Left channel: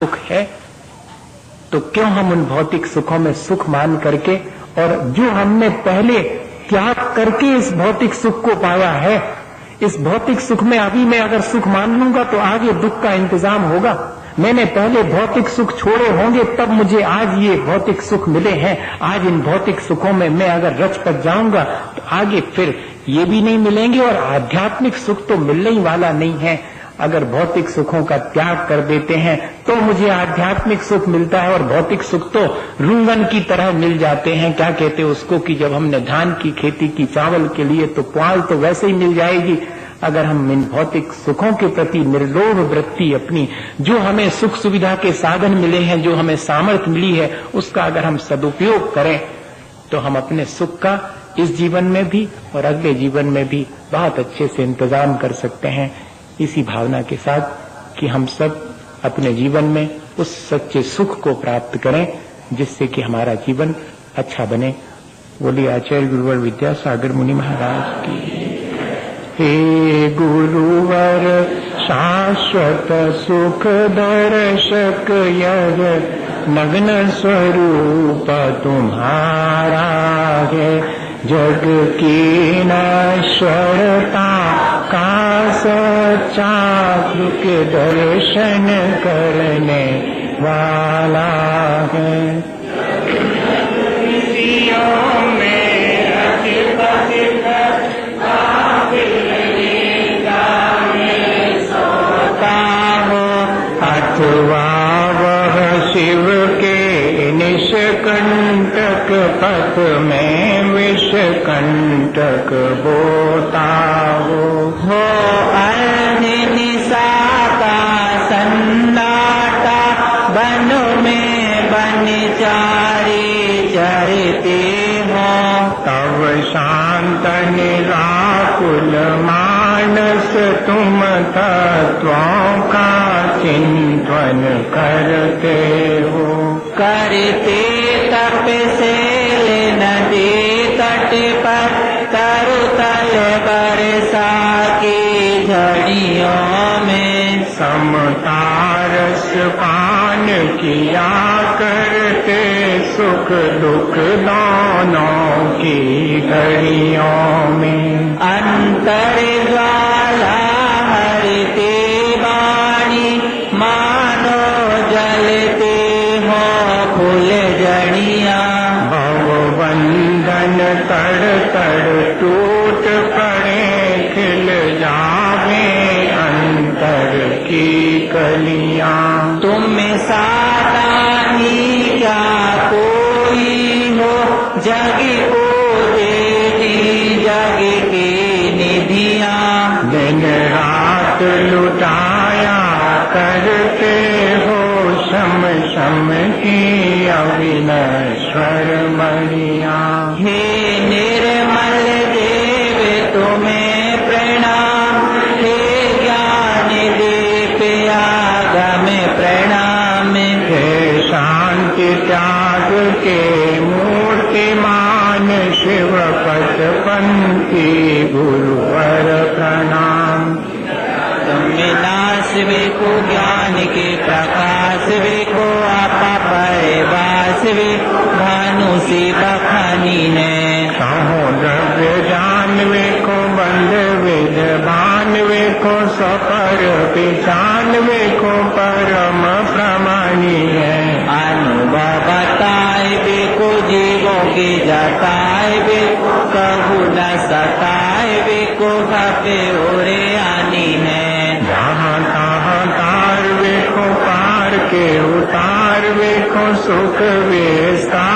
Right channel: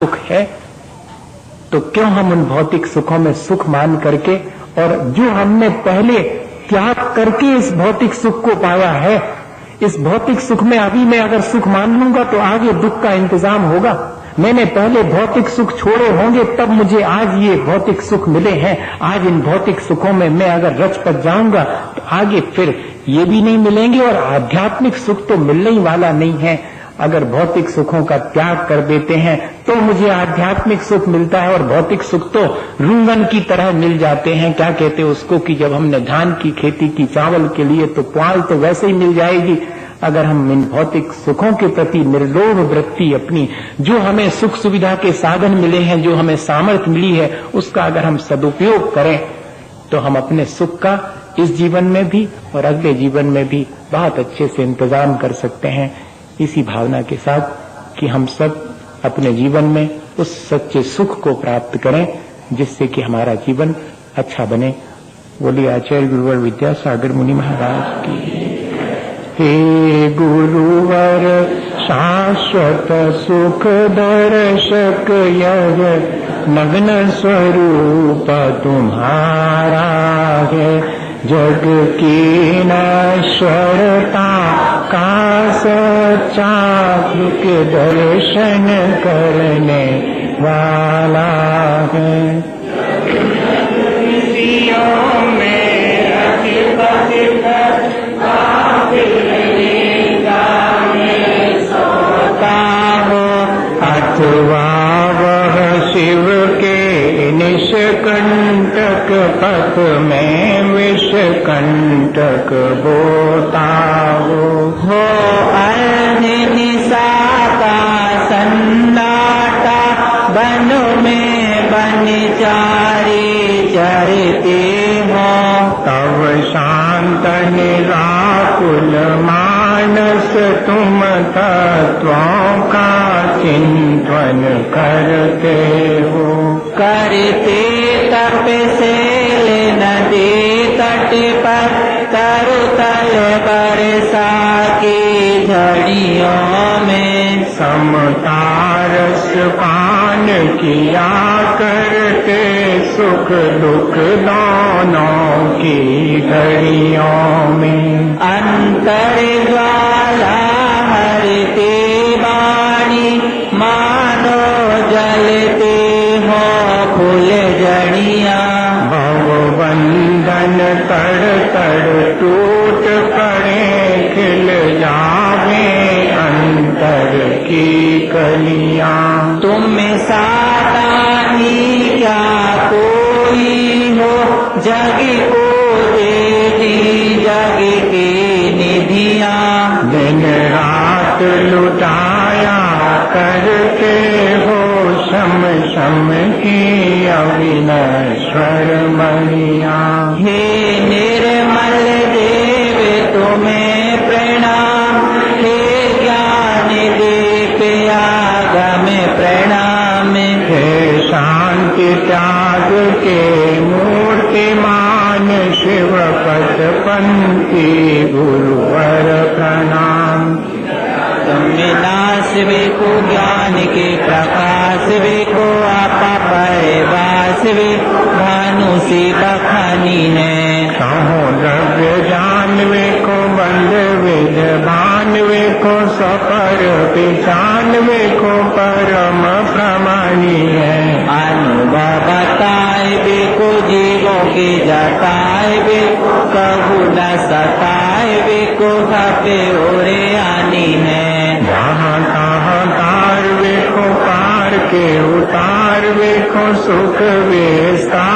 सुख है, तो क्यों हम उन भौतिक सुखों में सुख मान करके, और जो हमने पहले त्याग करके इस भौतिक सुख को पाया है, इस भौतिक सुख में अभी मैं अगर सुख मान लूंगा तो आगे दुख का इंतजाम होगा। मैंने पहले भौतिक सुख छोड़े होंगे तब मुझे आज ये भौतिक सुख मिले हैं। आज इन भौतिक सुखों में मैं अगर रच पच जाऊंगा तो आगे फिर ये भी नहीं मिलेंगे और आध्यात्मिक सुख तो मिलने ही वाला नहीं है। अगर भौतिक सुखों का त्याग कर देते हैं तो मुझे आध्यात्मिक सुख मिलता है, और भौतिक सुख तो रिंगन की तरह मिल जाते हैं। क्या कहते हैं उसको कि जब हमने धान की खेती की चावल के लिए तो पुआल तो वैसे ही मिल जाएगी। अगर हम इन भौतिक सुखों के प्रति निर्लोभ वृत्ति अपनी, जो हमें सुख सुविधा के साधन मिले हैं, जो हमें सामर्थ्य मिली है, उसका अगर हम सदुपयोग करें तो हम अपने सुख का इस जीवन में भी और अगले जीवन में भी बहुत अच्छे से इंतजाम कर सकते हैं। इसी भावना के साथ कि हम सब अपने जीवन में उस सच्चे सुख को प्राप्त करें जिससे कि हमारा जीवन अच्छा बने। बोलिए आचार्य गुरुवर विद्यासागर मुनि महाराज की। हे गुरुवर शाश्वत सुख दर्शक यह नग्न स्वरूप तुम्हारा है। जग की नश्वरता का सच्चा के दर्शन करने वाला है। अथवा वह शिव के निष्कंटक पथ में विषकंटक बोता हो निसाता सन्नाटा बन में बनचारी चरते हो। तब शांत निराकुल मानस तुम तत्वों का चिंतन करते हो। करते तप से नदी तट पर तरुतल बरसा की झड़ियों में समता रस पान किया करते सुख दुख दोनों की घड़ियों में। अंतर ज्वाला हरते बाणी मानो जलते हो फूल जड़ियाँ। भवबंधन तड़ तड़ टूट पड़े खिल जावे अंतर की कलियाँ। तुम साता ही क्या कोई हो जग को दे दी जग की निधियाँ। दिन रात लुटाया करते हो शम शम की अविनश्वर मणियाँ। हे निर्मल देव तुम्हें प्रणाम, हे ज्ञान दीप आगम प्रणाम। हे शांति त्याग के मूर्तिमान शिव पथ पंथी गुरुवर प्रणाम। विनाश विको ज्ञान के प्रकाश विको आपा परिवास वे भानु से बखानी है। कहो द्रव्य जानवे को बंद विद्वानवे को सपर जानवे को परम प्रमाणी है। अनुभव बताए वे को जीवों की जताए वे कहु न सताए वे को भापे ओरे आनी है। वहाँ कहाँ तार वे को पार के उतार वे को सुख विस्तार